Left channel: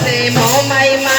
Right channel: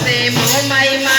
เสมอใบมา